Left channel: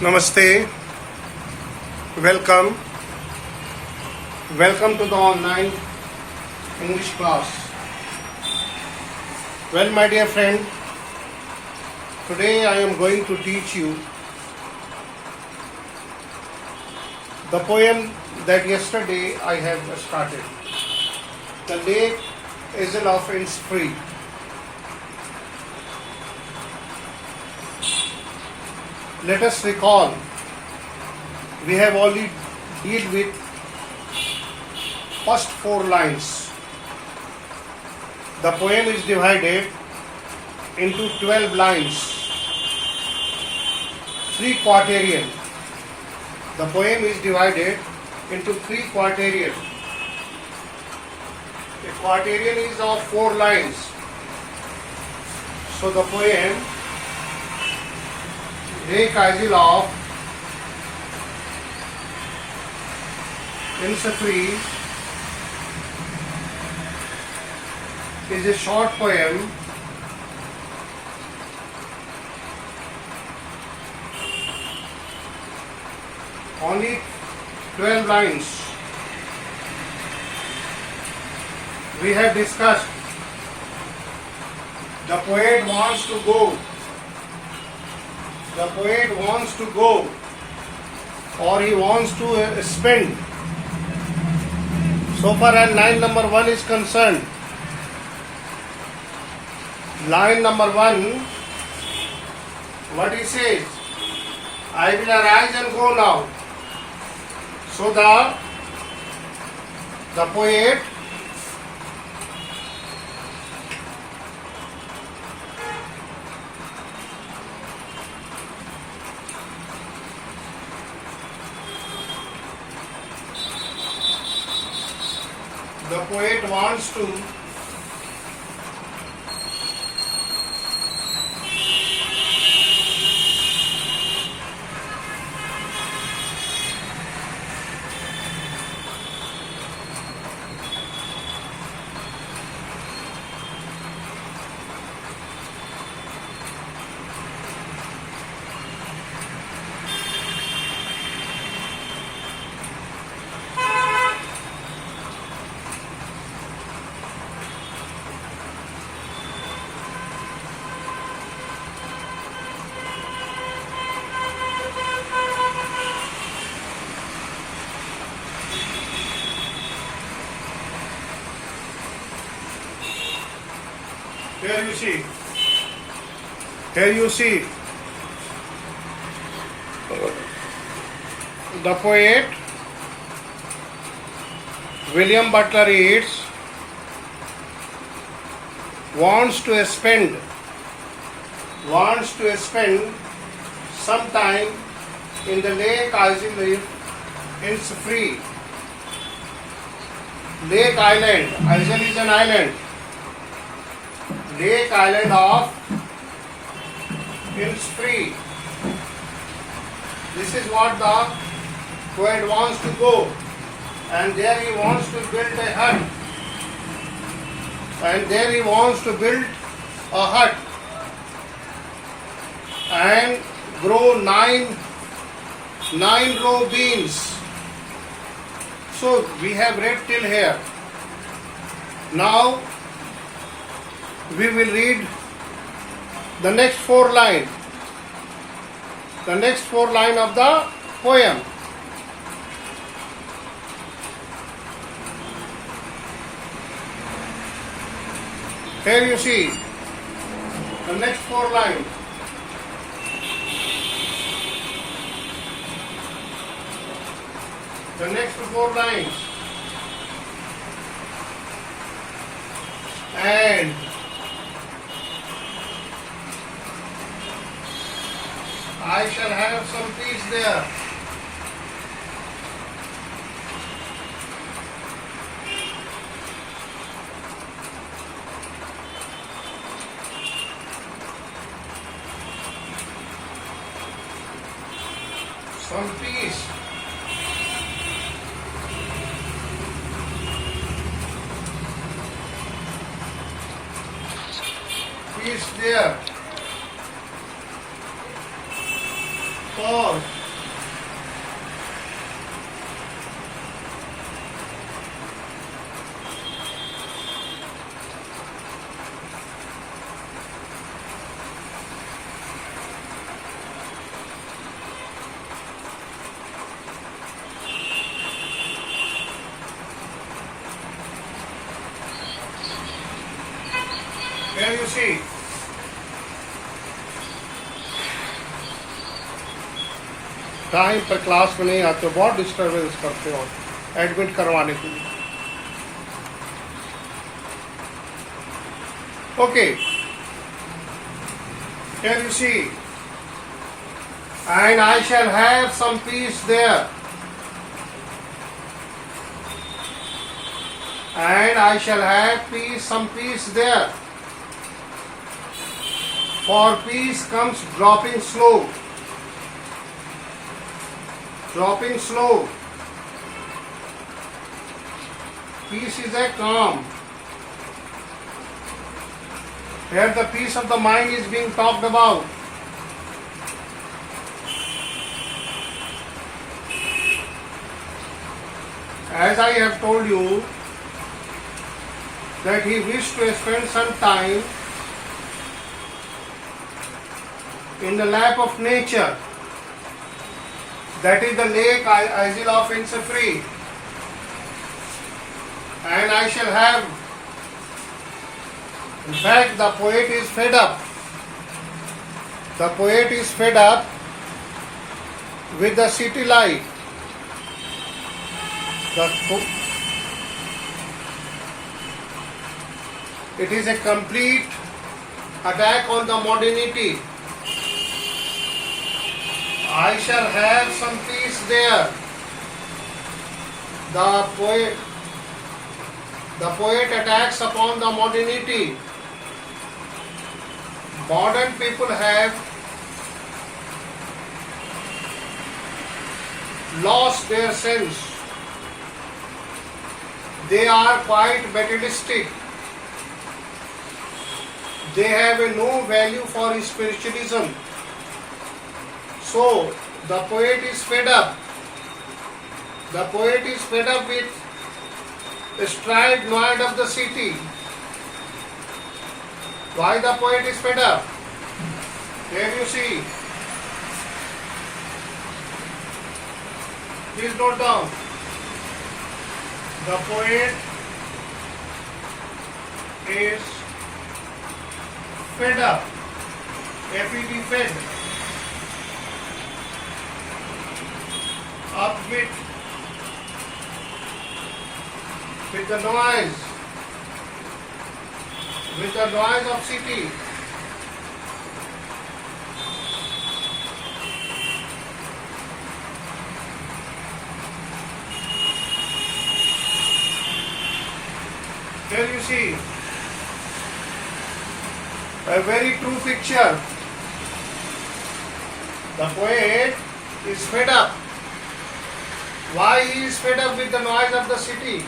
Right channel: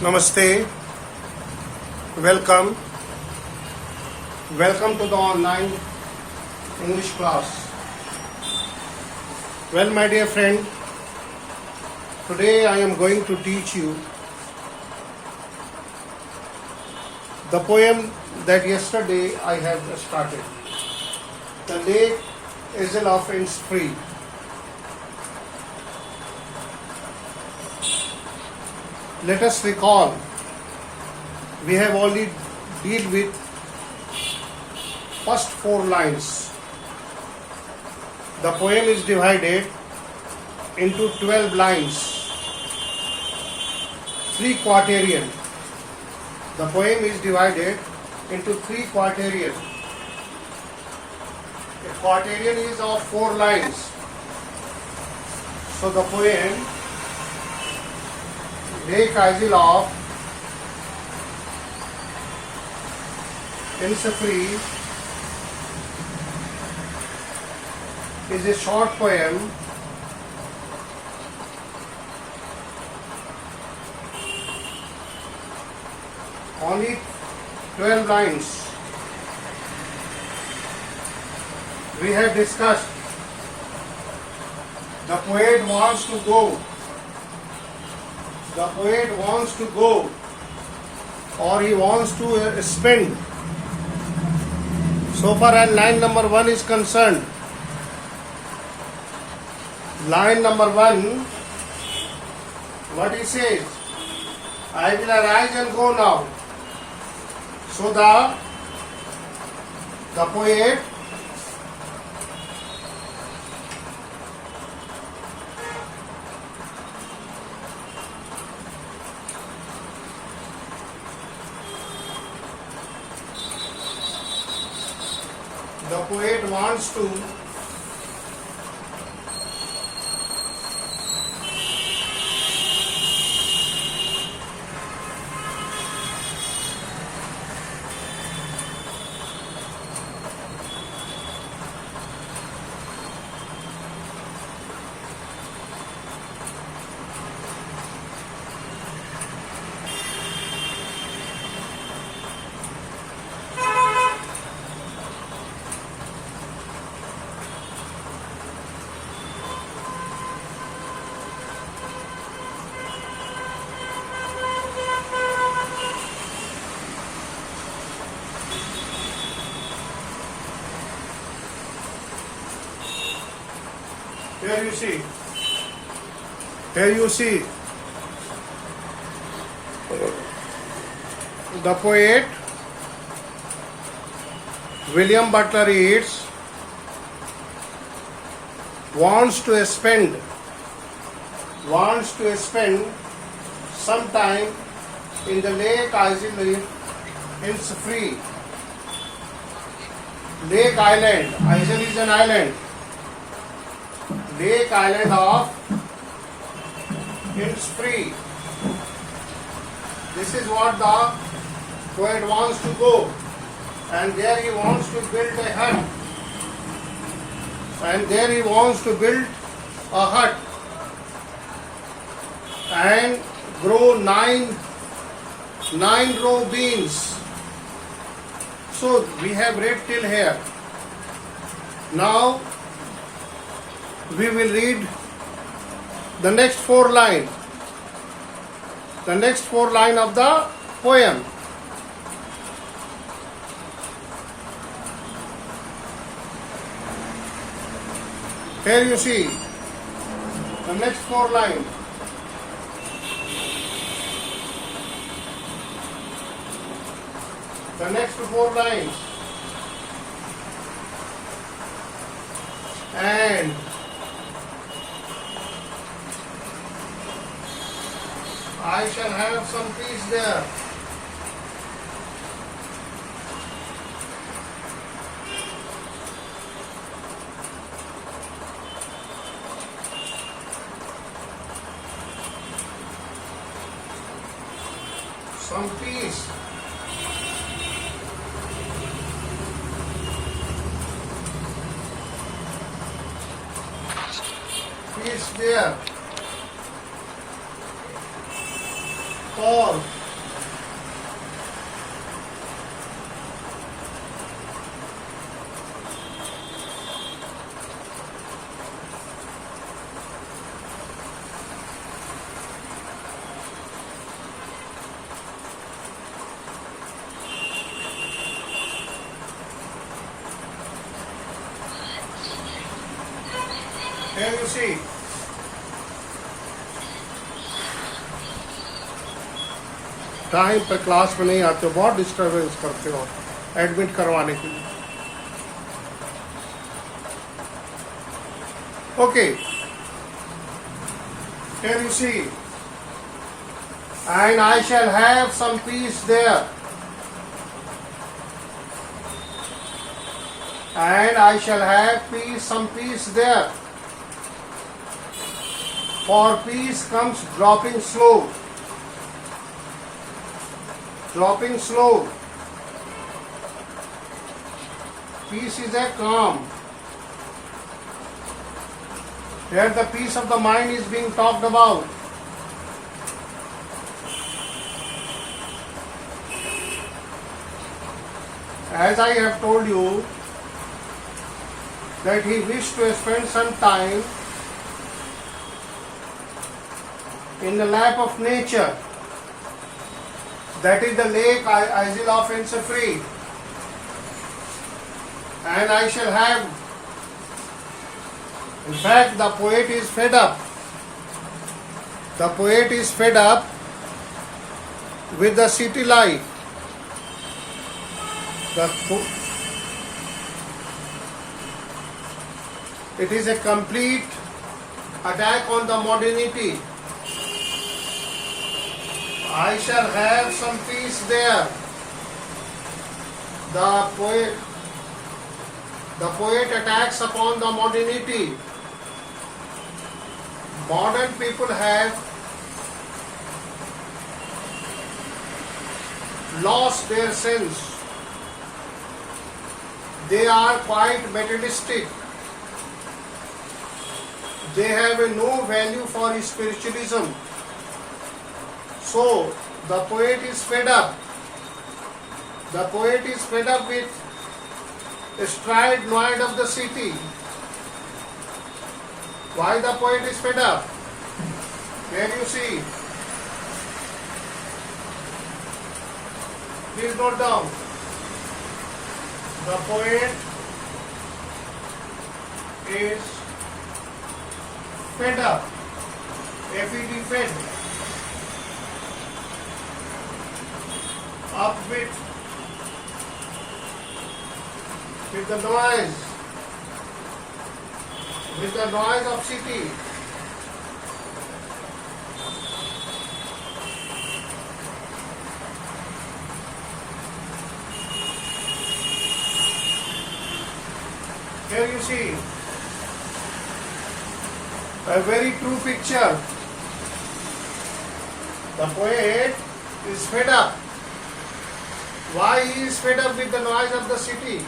Namaste. Welcome. Welcome to the online English class. Well, my dear friend, today I am going to teach you the poem that yesterday I have started. The Lake Ezel of Innisfree. Let us recall, we have already dealt with first 4 lines. The poem is divided into 12 lines, 3 quaternion. The poem is divided into 3 quaternion. The quaternion is of 4 lines. So the poem Lake Ezel of Innisfree is a short poem only 12 lines. We have discussed the poet wants to go. The poet wants to go, or he wants to spend. So far as line number 1 is concerned, line number 1, what he says, I will arise and go now. So the poet wants to Here you see the poet William Butler Yeats wants to spend some time in the Lake Ezel of Innisfree. Lake Island. Ezel is an island. Lake Island of Innisfree. This is what the poet wants to go, and there he wants to build a hut. And grow nine row beans. So we have read till here. Now we will read the next 4 lines. The next 4 lines of the poem. Here you see the next 4 lines. The next 4 lines. And I shall have some peace there. Some peace. Peace there. for here you see time पर class में नहीं आते हो, बहुत disturbance करते हो admit करवाने के लिए. Okay, here you see, and I shall have some peace there, and I shall have some peace there, for peace comes dropping slow. Dropping slow. Peace is a calm. Here the peace of the mind is being talked about. As I have told you that he wished to spend some time in the lap of nature. That is the lake Isle of Innisfree, and I shall have. In fact, the poet is fed up. The poet is fed up with the city life. It is a complete attack on the modernity. I shall have some peace there. The poet attacks upon the modernity. Modern people have lost their sense. They are quite materialistic. They have no value for spiritualism. So, the poet is fed up. The poet is fed up with the stride noise of the city. Why the poet is fed up? Here you see. Please note down. The poet is fed up. F-E-D, fed. Up with the noise of city. Here you see a very true picture. The poet is fed up. Why he is fed up with the noise of the city?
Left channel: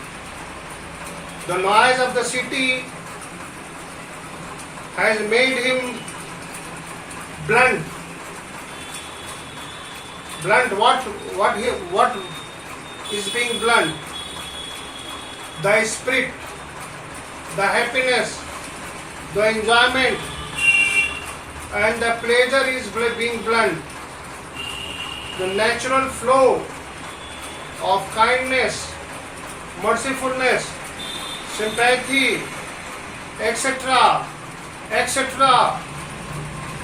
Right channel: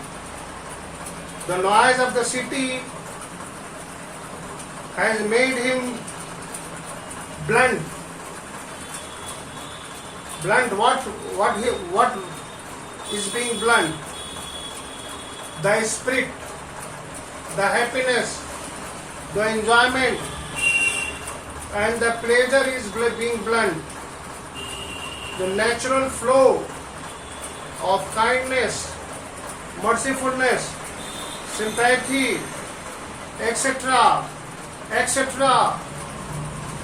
The noise of the city has made him blunt. Blunt. What is being blunt? The spirit, the happiness, the enjoyment, and the pleasure is being blunt. The natural flow of kindness, mercifulness, sympathy, etc., etc.,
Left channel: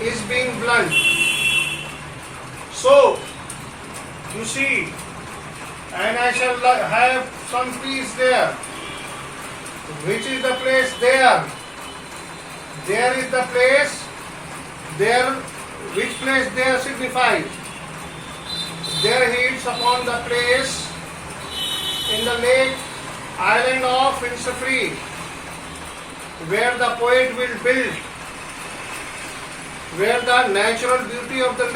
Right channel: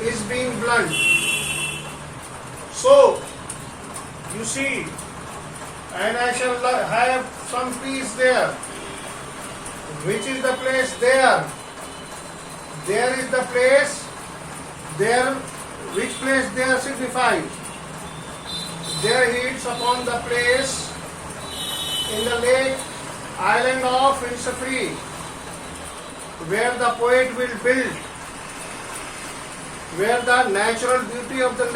is being blunt. So, you see, and I shall have some peace there. Which is the place there? There is the place there. Which place there signifies? There hits upon the place in the lake island of Innisfree, where the poet will build, where the natural beauty of the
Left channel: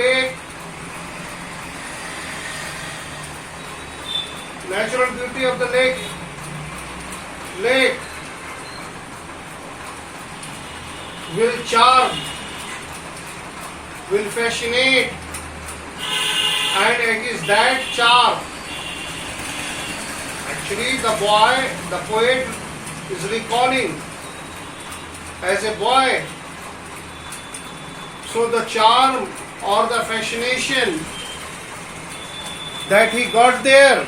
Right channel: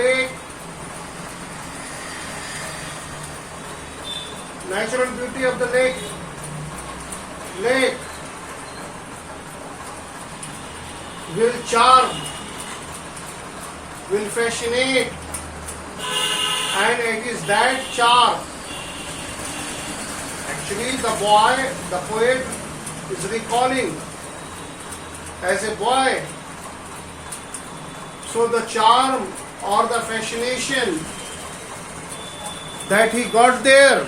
lake, lake will charm, will fascinate, and against that charm. Actually, the poet is recalling as a boy. So the charm or the fascination that he got there,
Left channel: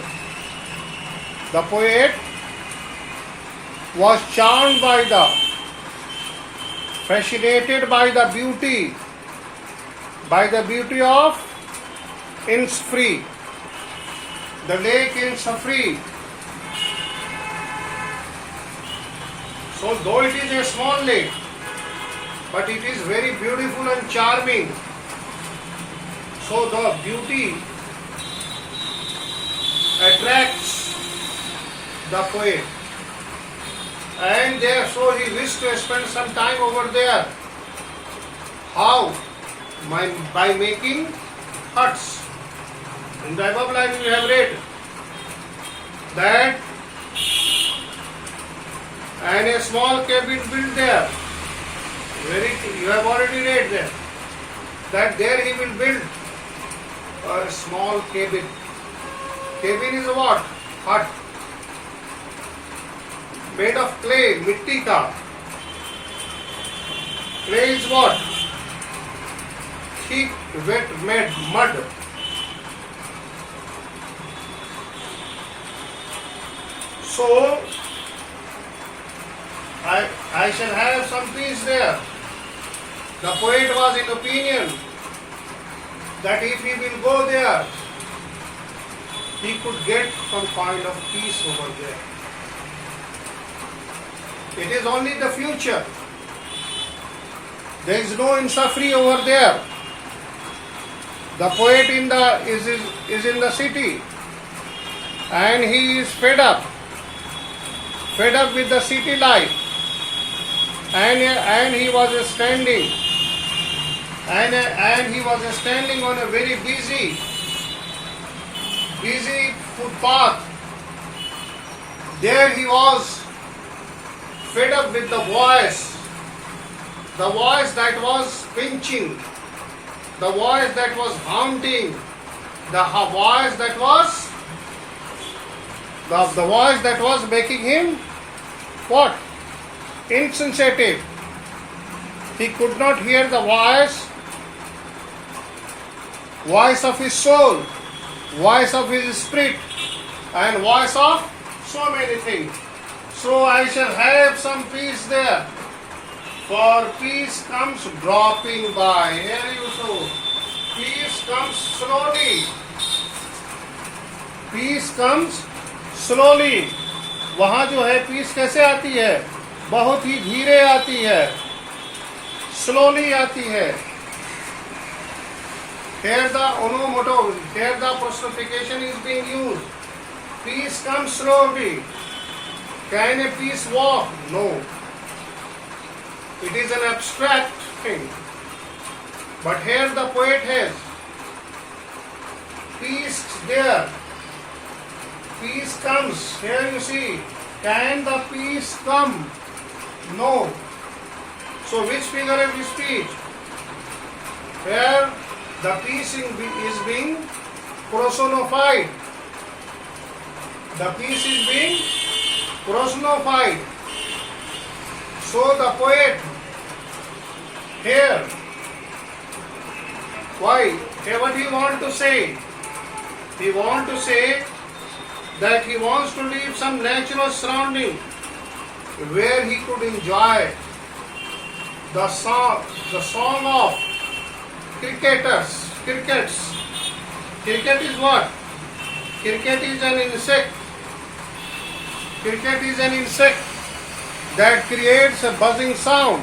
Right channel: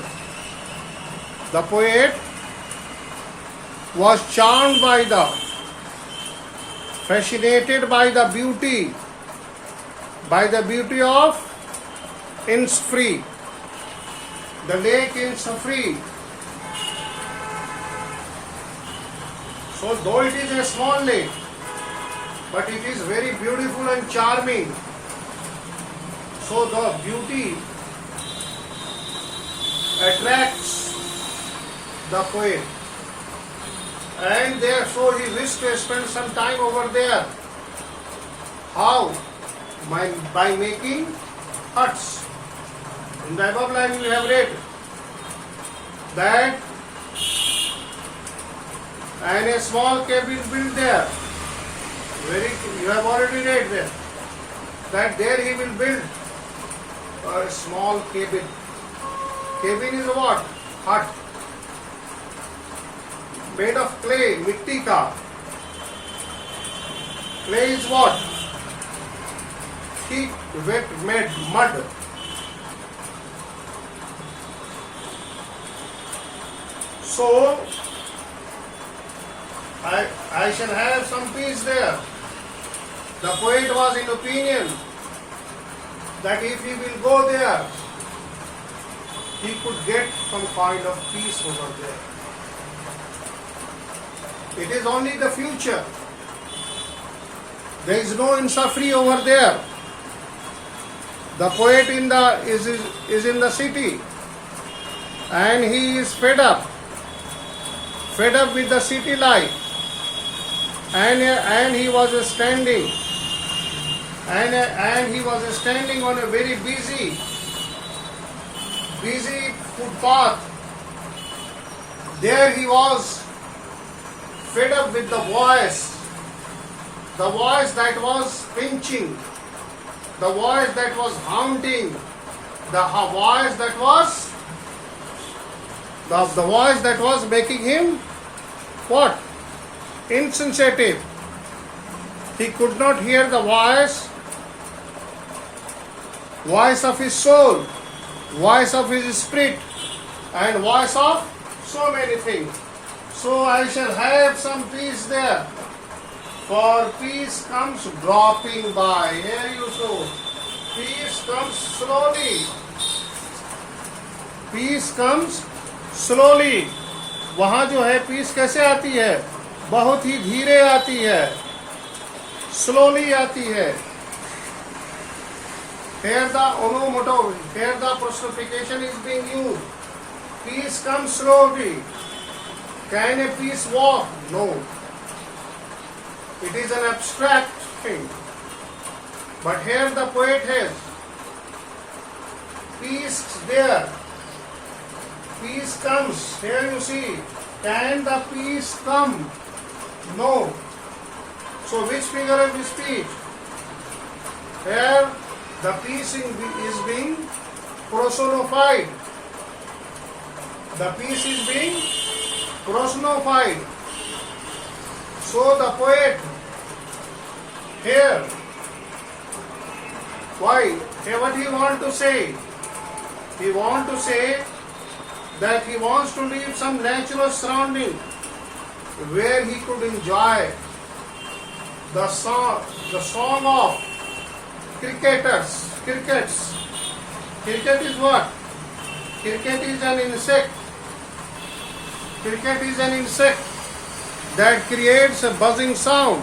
the poet was charmed by fascinated by the beauty of Innisfree, the lake Innisfree. So though it is a small lake, but it is very beautiful and charming. So the beauty attracts the poet, and therefore he wished to spend some time over there. How? By making huts. In the above line we have read that and a small cabin built there. You have already read there that there he will build a small cabin. Cabin is what? Hut. Made of clay, mitti ka. Clay is what? Thick, wet, mud. So, I shall have some peace there. The poet was in opinion that if he will go there, he could get some kind of peace over there. It is only the future. There is no Innisfree over there. The poet is in the city, and he is fed up with the city life, and he was standing on a very busy footpath. There he was fed up with the voice that was pinching, the voice that was haunting, the voice that was making him what? Insensitive. He could not hear the voice of his soul, voice of his spirit, and voice of so many things. So I shall have some peace there. For peace comes dropping by. Here you saw. Peace comes slowly. Peace comes slowly. वहाँ जो है piece कैसे आती है? बहुत ही धीरे आती है, स्लोली आती है. Here the onomatopoeia, here the personification is being used. Peace comes slowly. Can a peace walk? No. It is an abstract thing. But here the poet has peace there. Peace comes. Here you see. Can the peace come? No. So which figure of speech? Here the peace is being personified. The peace is being personified. So the poet here, why? Here what he want to say? He want to say that he wants to leave some natural surrounding where he could enjoy the song of crickets. Cricket is what? Cricket is an insect. Cricket is an insect that creates a buzzing sound.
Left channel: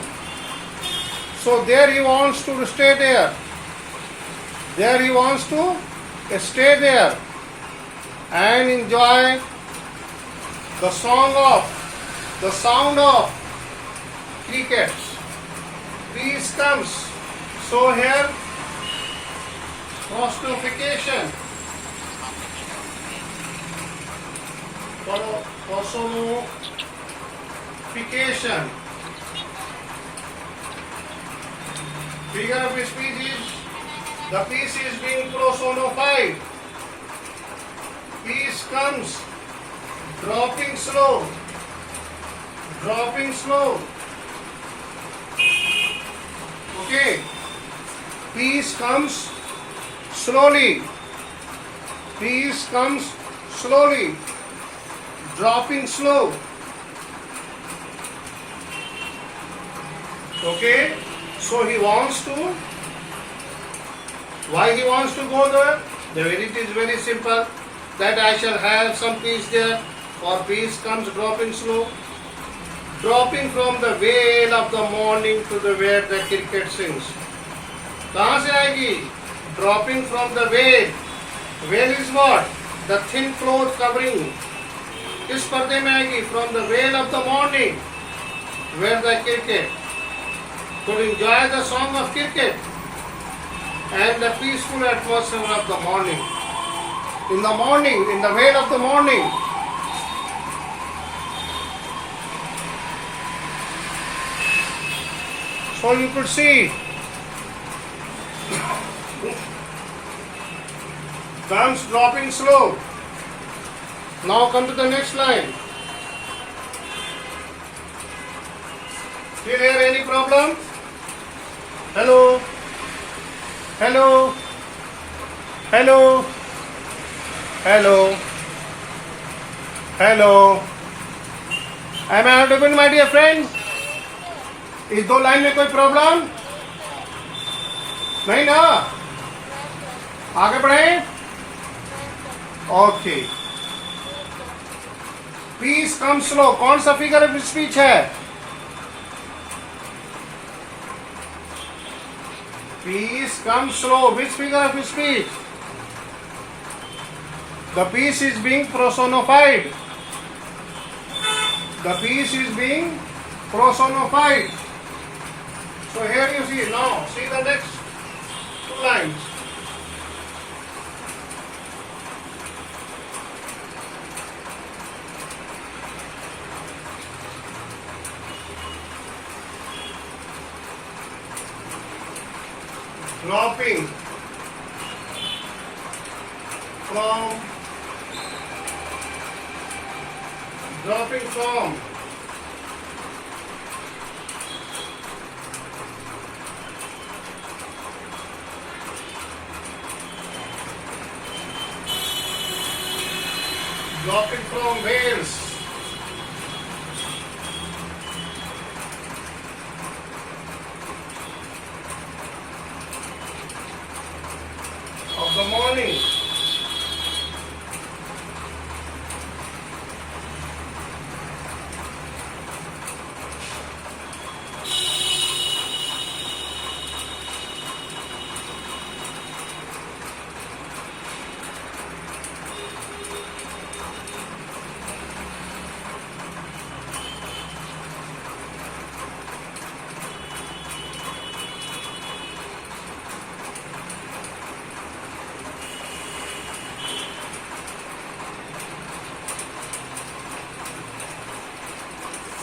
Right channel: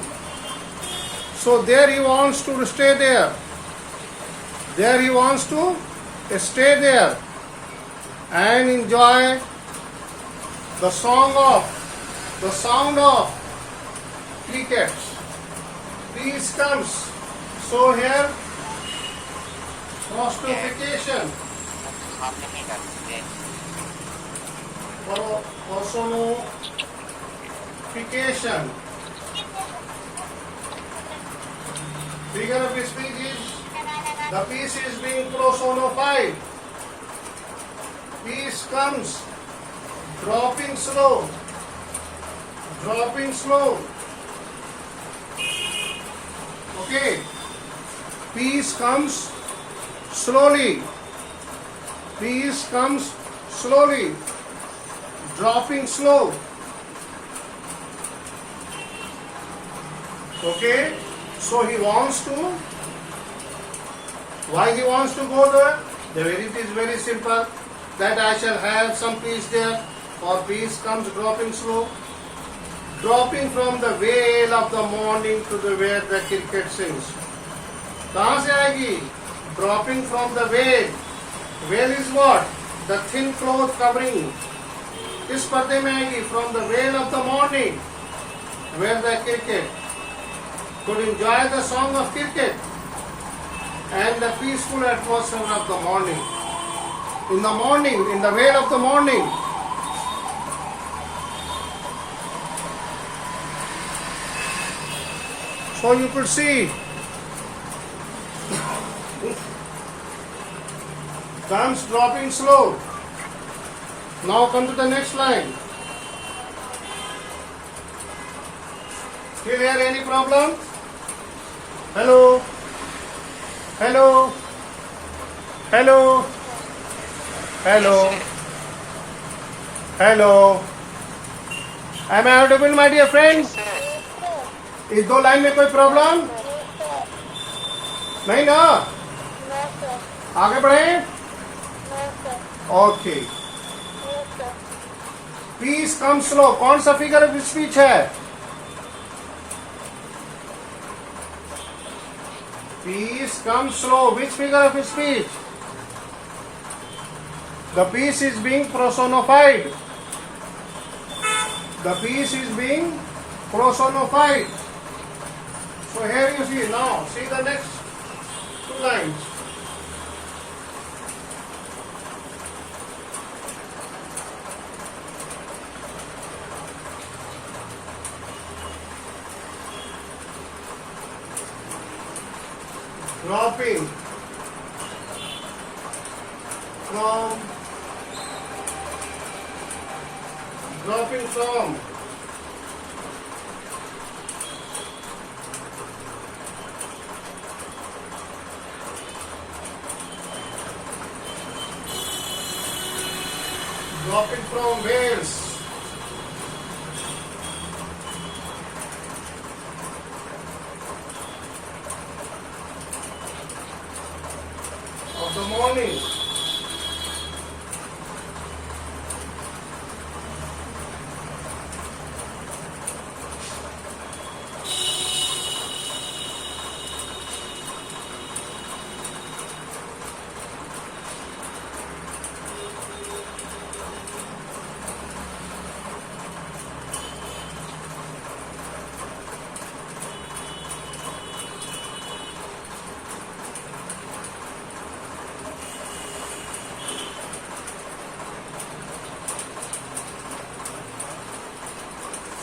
So there he wants to stay there. There he wants to stay there and enjoy the sound of crickets. Peace comes. So here personification. Personification. Figure of speech is The piece is being personified. Piece comes dropping slow. Dropping slow. Okay. Piece comes slowly. Piece comes slowly. Dropping slow. Okay. So he wants to. Why he wants to go there? It is very simple. That I shall have some piece there, or piece comes dropping slow. Dropping from the vale of the morning to the where the cricket sings. कहाँ से आएगी? Dropping from the vale. Vale is what? The thin cloth covering. किस पर्दे में आएगी? From the vale of the morning, where the cricket could enjoy the song of cricket and the peaceful atmosphere of the morning. In the morning, in the vale of the morning, so you could see comes dropping slow. Now come to the next line. Still here any problem? Hello? Hello? Hello? Hello? Hello? Am I audible, my dear friends? इस दो line में कोई problem नहीं ना? आगे बढ़े? Okay. Piece कम slow. कौन सा फिगर ऑफ स्पीच है? Peace comes slow. Which figure of speech? The peace is being personified. The peace is being personified. So here you see. Now see the next two lines. Dropping from Wales. Of the morning.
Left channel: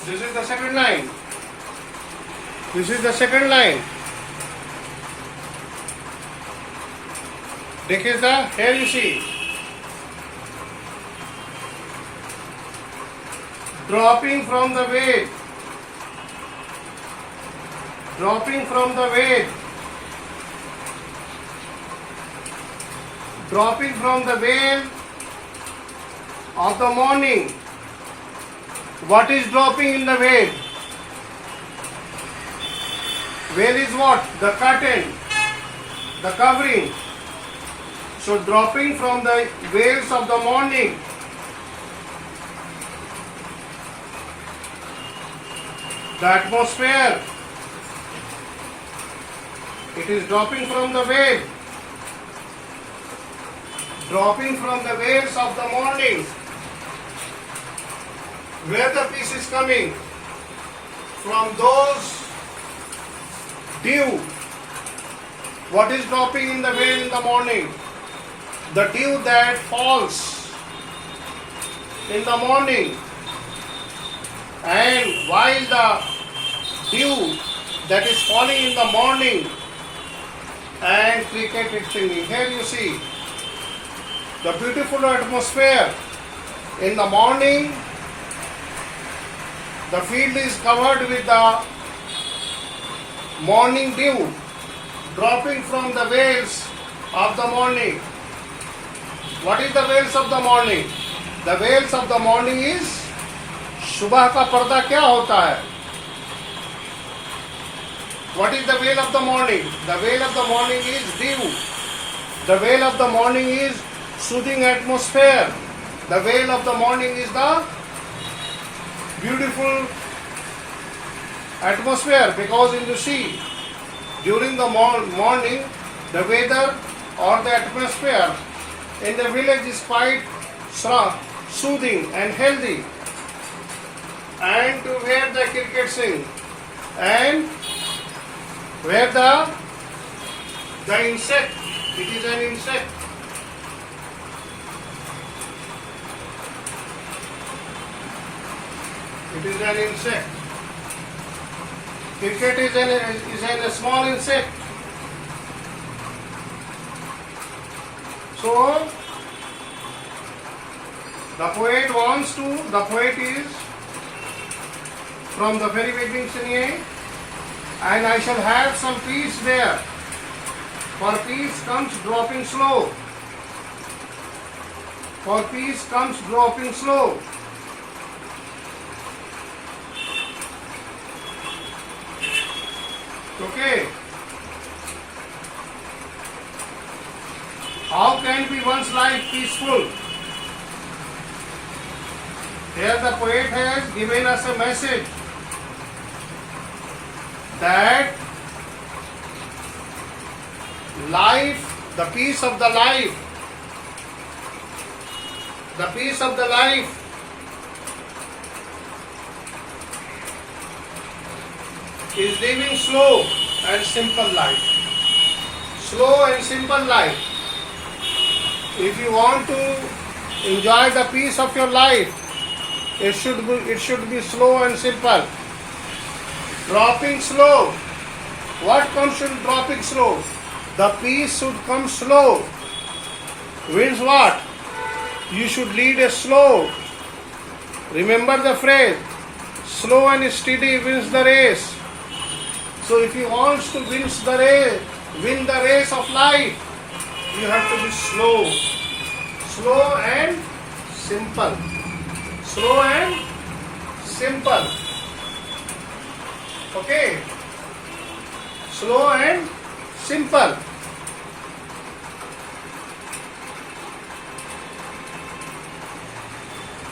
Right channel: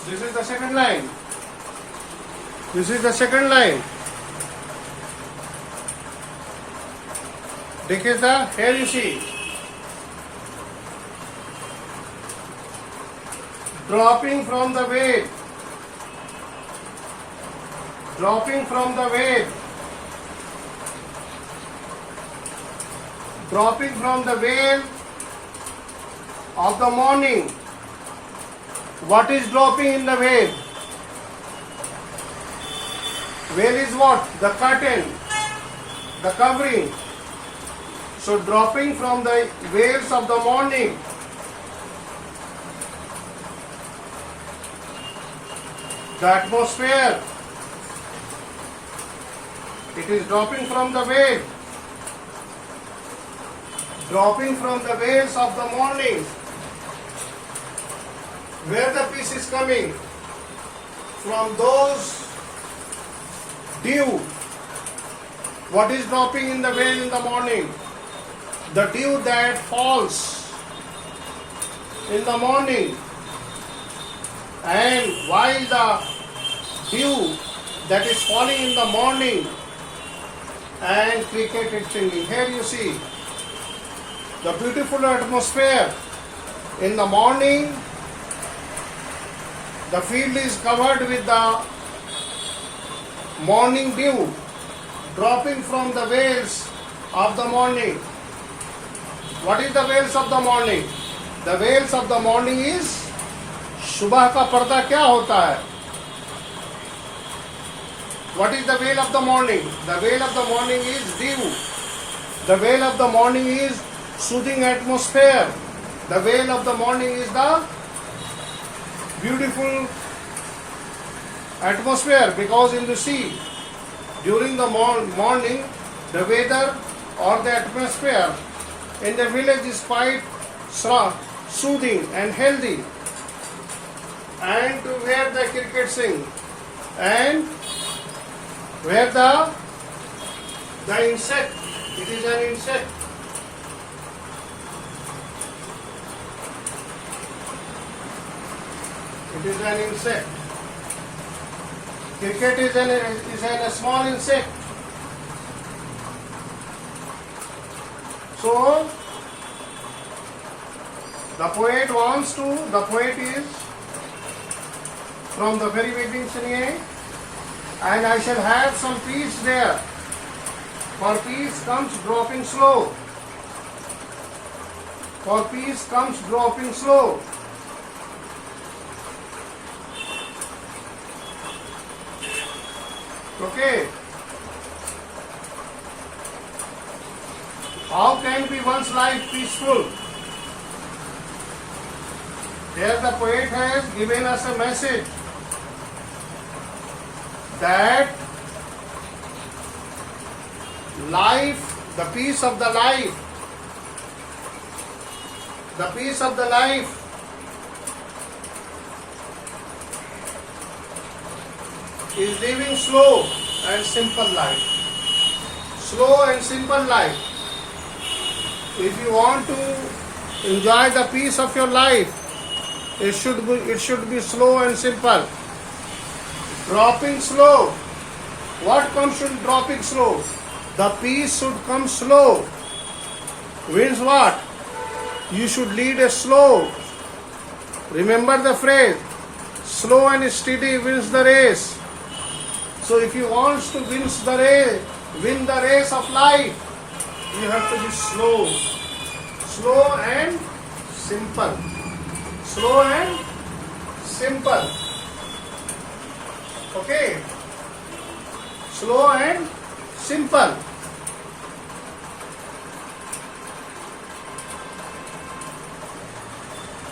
This is the second line. This is the second line. देखिए था. Here you see. Dropping from the weight. Dropping from the weight. Dropping from the veil of the morning. What is dropping in the veil? Veil is what? The curtain, the covering. So dropping from the veils of the morning. The atmosphere. It is dropping from the veil. Dropping from the veils of the morning. Where the peace is coming? From those dew. What is dropping in the veil in the morning? The dew that falls in the morning. And while the dew that is falling in the morning and cricket is singing. Here you see the beautiful atmosphere. In the morning, the field is covered with the morning dew dropping from the veils of the morning. What is the veils of the morning? The veils of the morning is सुबह का पर्दा क्या होता है? What is the veil of the morning? The veil of the morning is dew. The veil of the morning is soothing atmosphere. The veil of the morning is the beautiful atmosphere, because in the sea, during the morning, the weather or the atmosphere in the village is quite soothing and healthy. And to where the cricket sing, and where the insect, it is an insect. It is an insect. Cricket is a small insect. So the poet is from the very beginning saying, and I shall have some peace there, for peace comes dropping slow. For peace comes dropping slow. Okay. How can be one's life peaceful? Here the poet has given us a message that life, the peace of the life is living slow and simple life. Slow and simple life. If you want to enjoy the peace of your life, it should be slow and simple. Dropping slow. What comes in dropping slow? The peace should come slow. Means what? You should lead a slow. Remember the phrase, slow and steady wins the race. So if you want to win the race of life, you have to be slow. Slow and simple. Slow and simple. Okay? Slow and simple.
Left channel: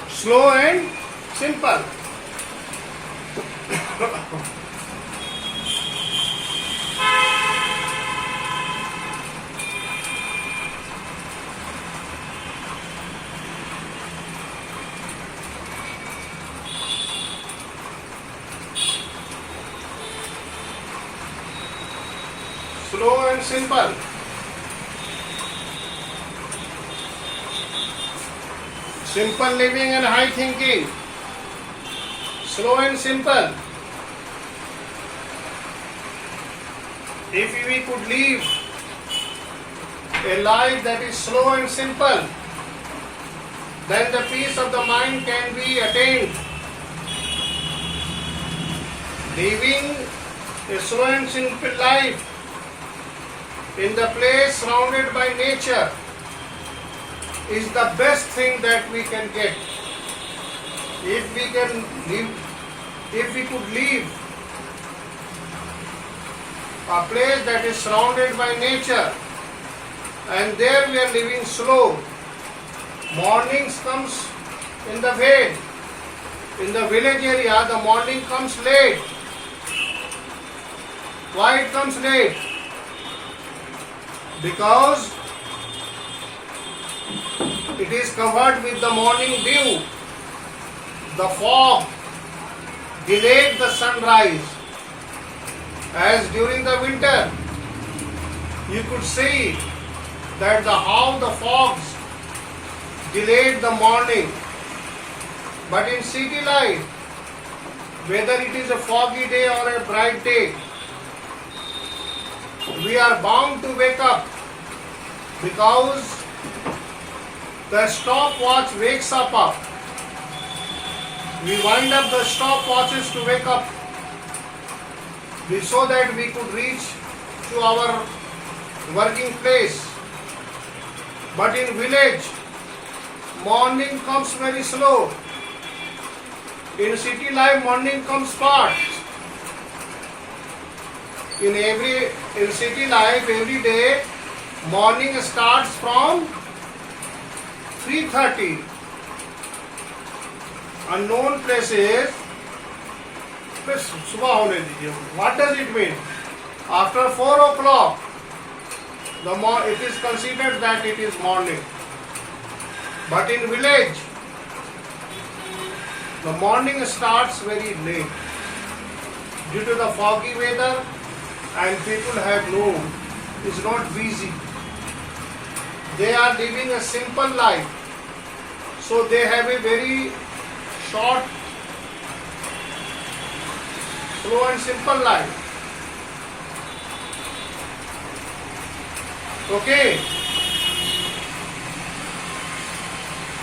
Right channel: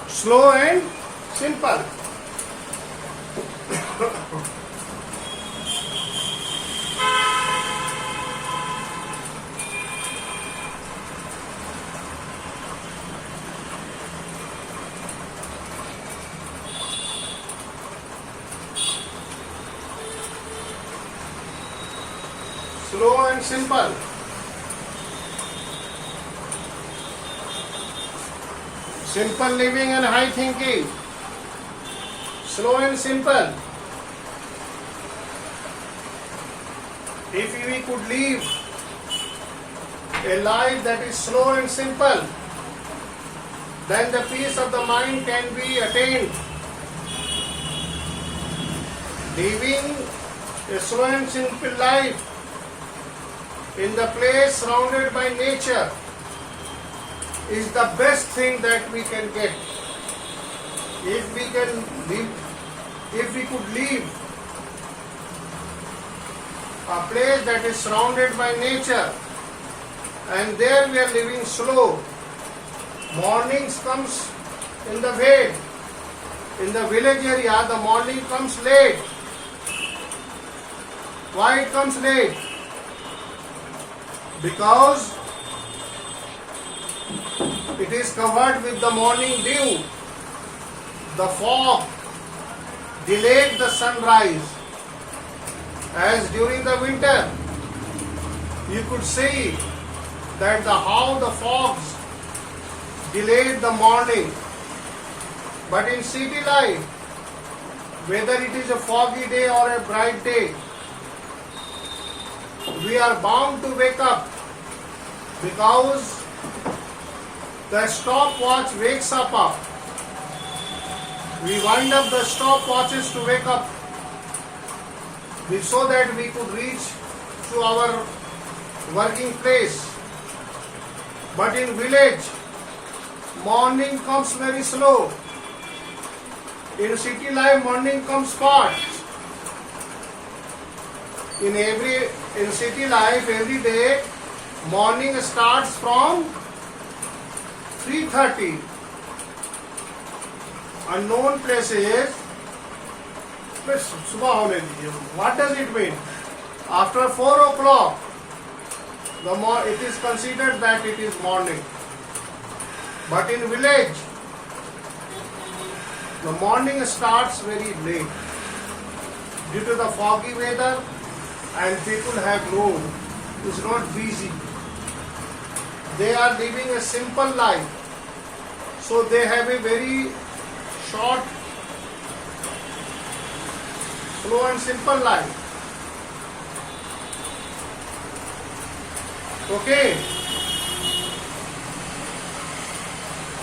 Slow and simple. Slow and simple. Simple living and high thinking. Slow and simple. If we could live a life that is slow and simple, then the peace of the mind can be attained. Living a slow and simple life in the place surrounded by nature is the best thing that we can get. If we could live a place that is surrounded by nature, and there we are living slow. Mornings comes in the way. In the village area, the morning comes late. Why it comes late? Because it is covered with the morning dew. The fog delayed the sunrise. As during the winter, you could see that how the fogs delayed the morning. But in city life, whether it is a foggy day or a bright day, we are bound to wake up because the stopwatch wakes up. We wind up the stopwatches to wake up so that we could reach to our working place. But in village, morning comes very slow. In city life, morning comes fast. In city life, every day, morning starts from 3:30. Unknown places, सुबह होने दीजिए. What does it mean? After 4 o'clock, it is considered that it is morning. But in village, the morning starts very late due to the foggy weather, and people have known it's not busy. They are living a simple life, so they have a very short, slow and simple life. Okay.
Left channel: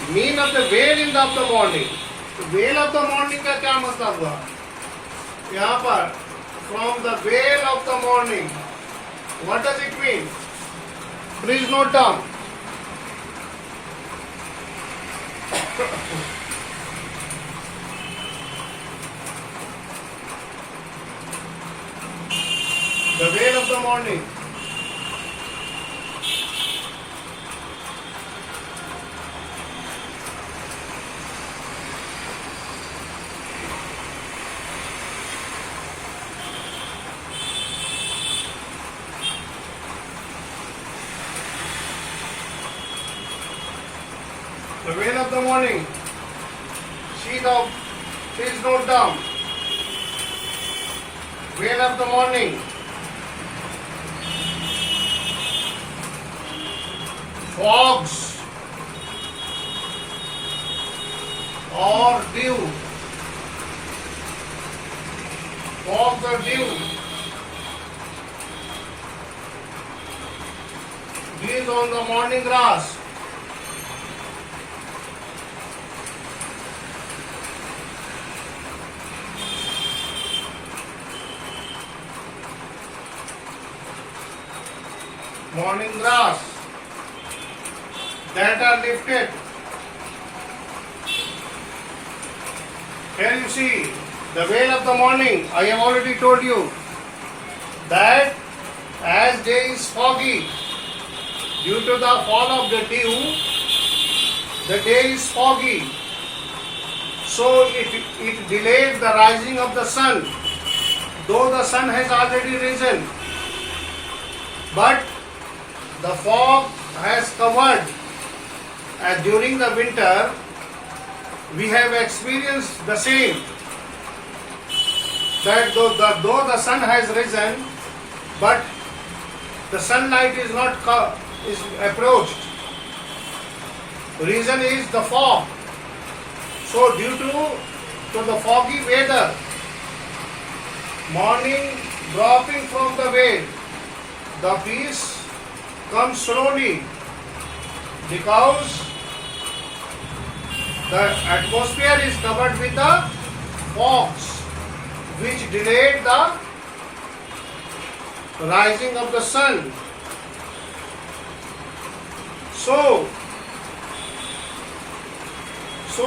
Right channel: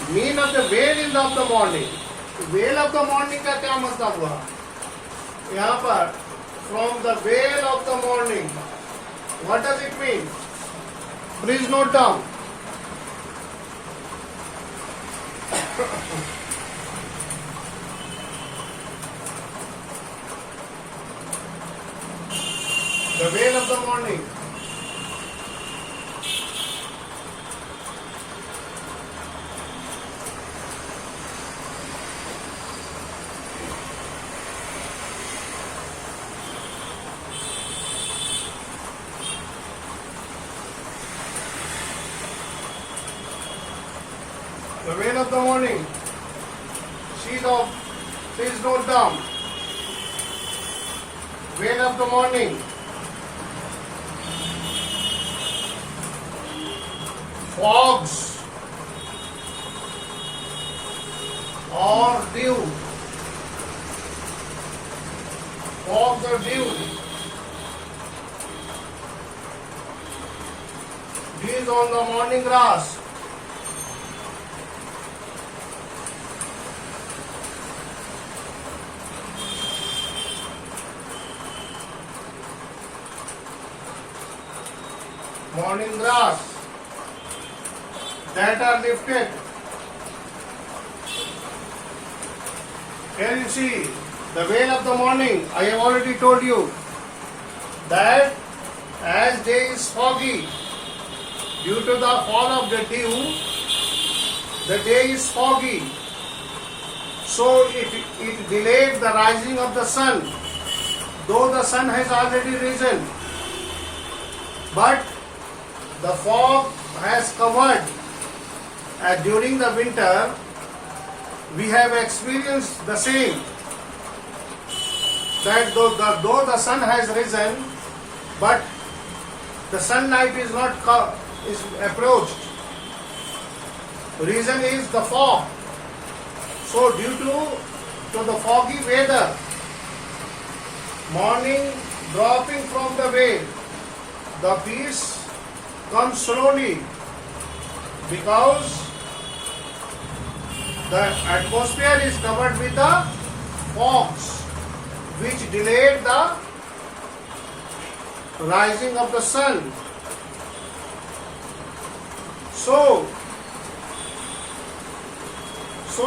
Mean of the veil of the morning. Veil of the morning का क्या मतलब हुआ? यहाँ पर from the veil of the morning. What does it mean? Please note down. The veil of the morning. The veil of the morning. Please note down. Veil of the morning. Fogs or dew. Fogs or dew. Dews on the morning grass. Morning grass that are lifted. Here you see the veil of the morning. I have already told you that as day is foggy due to the fall of the dew, the day is foggy, so it delayed the rising of the sun, though the sun has already risen, but the fog has covered. And during the winter, we have experienced the same. That though the sun has risen, but the sunlight is not is approached. The reason is the fog. So due to the foggy weather, morning dropping from the veil, the peace comes slowly because the atmosphere is covered with the fogs which delayed the rising of the sun. So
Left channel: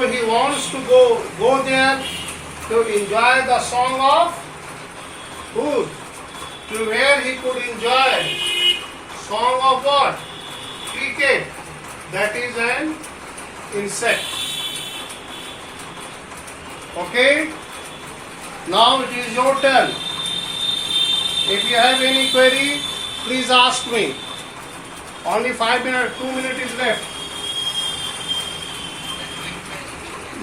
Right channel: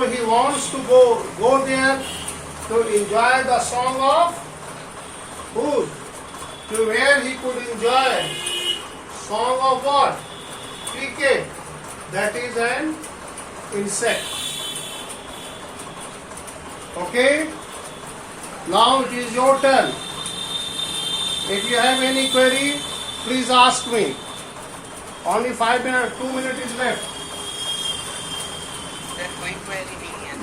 he wants to go there to enjoy the song of who? To where he could enjoy song of what? Cricket. That is an insect. Okay? Now it is your turn. If you have any query, please ask me. Only 5 minutes, 2 minutes is left.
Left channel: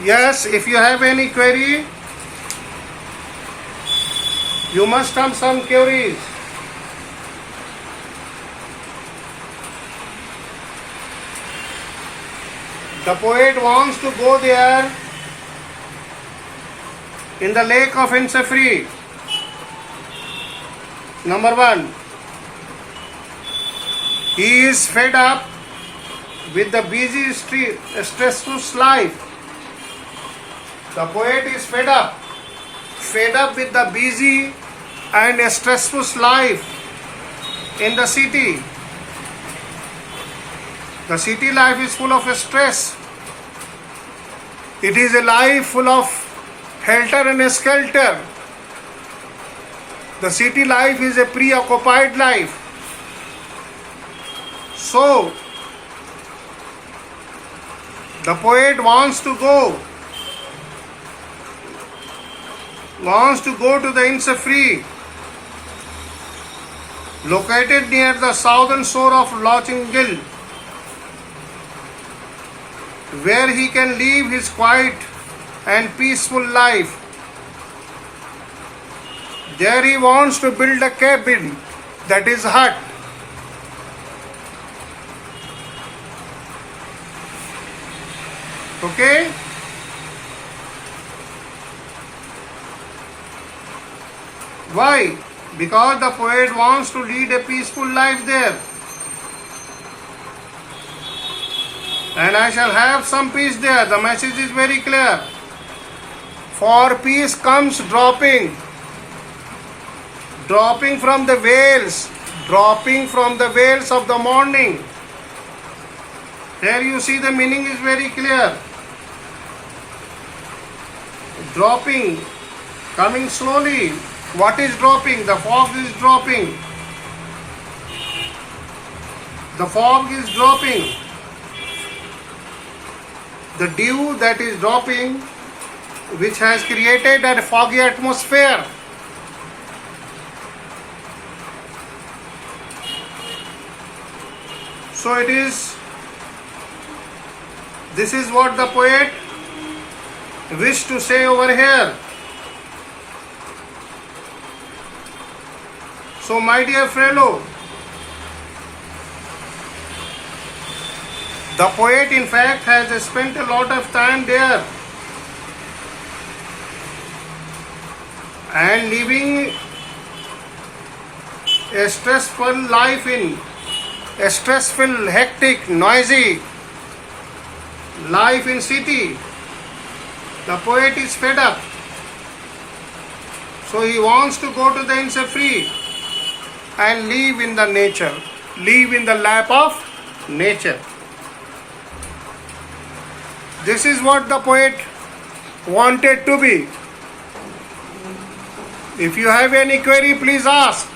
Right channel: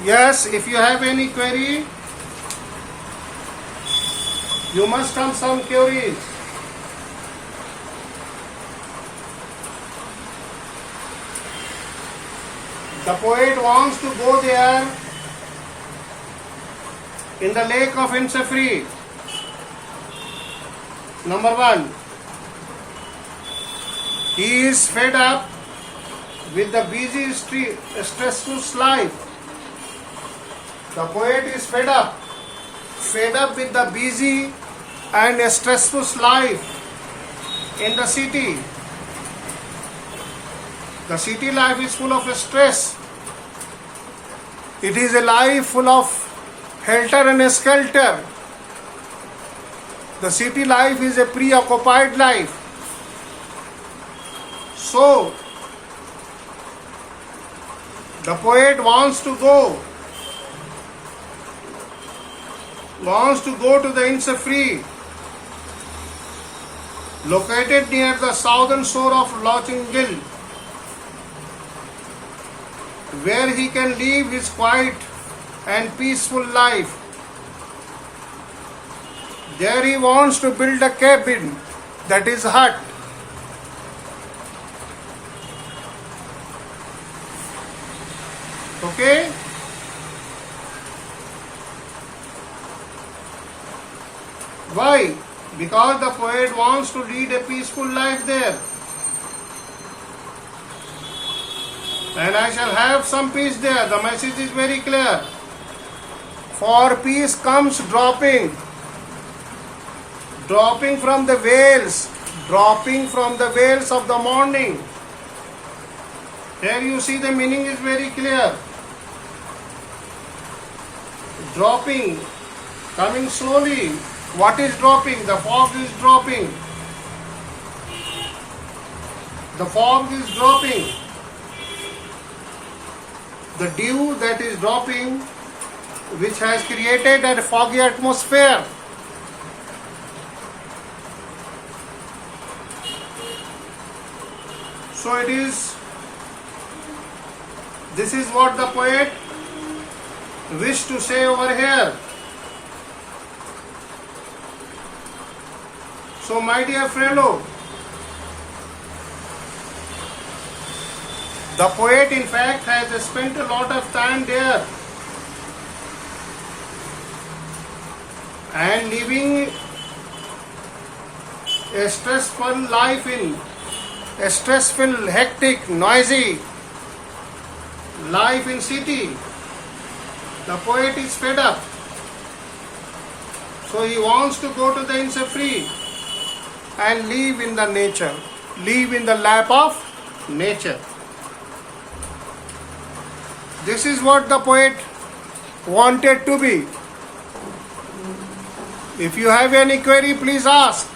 Yes, if you have any query, you must have some queries. The poet wants to go there in the lake of Ensafree. Number 1. He is fed up with the busy, stressful life. The poet is fed up with the busy and stressful life in the city. The city life is full of stress. It is a life full of helter and skelter. The city life is a preoccupied life. So, the poet wants to go to the Innisfree, located near the southern shore of Loching Gill, where he can live his quiet and peaceful life. There he wants to build a cabin, that is hut. Okay? Why? Because the poet wants to lead a peaceful life there. And I shall have some peace there. The message is very clear. For peace comes dropping from the veils of the morning. Here you see the meaning is very clear. Dropping, coming slowly. What is dropping? The fog is dropping. The fog is dropping. The dew that is dropping, which has created a foggy atmosphere. So this is what the poet wished to say over here. So my dear fellow, the poet in fact has spent a lot of time there and living a stressful life in a stressful, hectic, noisy life in city. The poet is fed up. So he wants to go to the Innisfree and live in the nature, live in the lap of nature. This is what the poet wanted to be. If you have any query, please ask.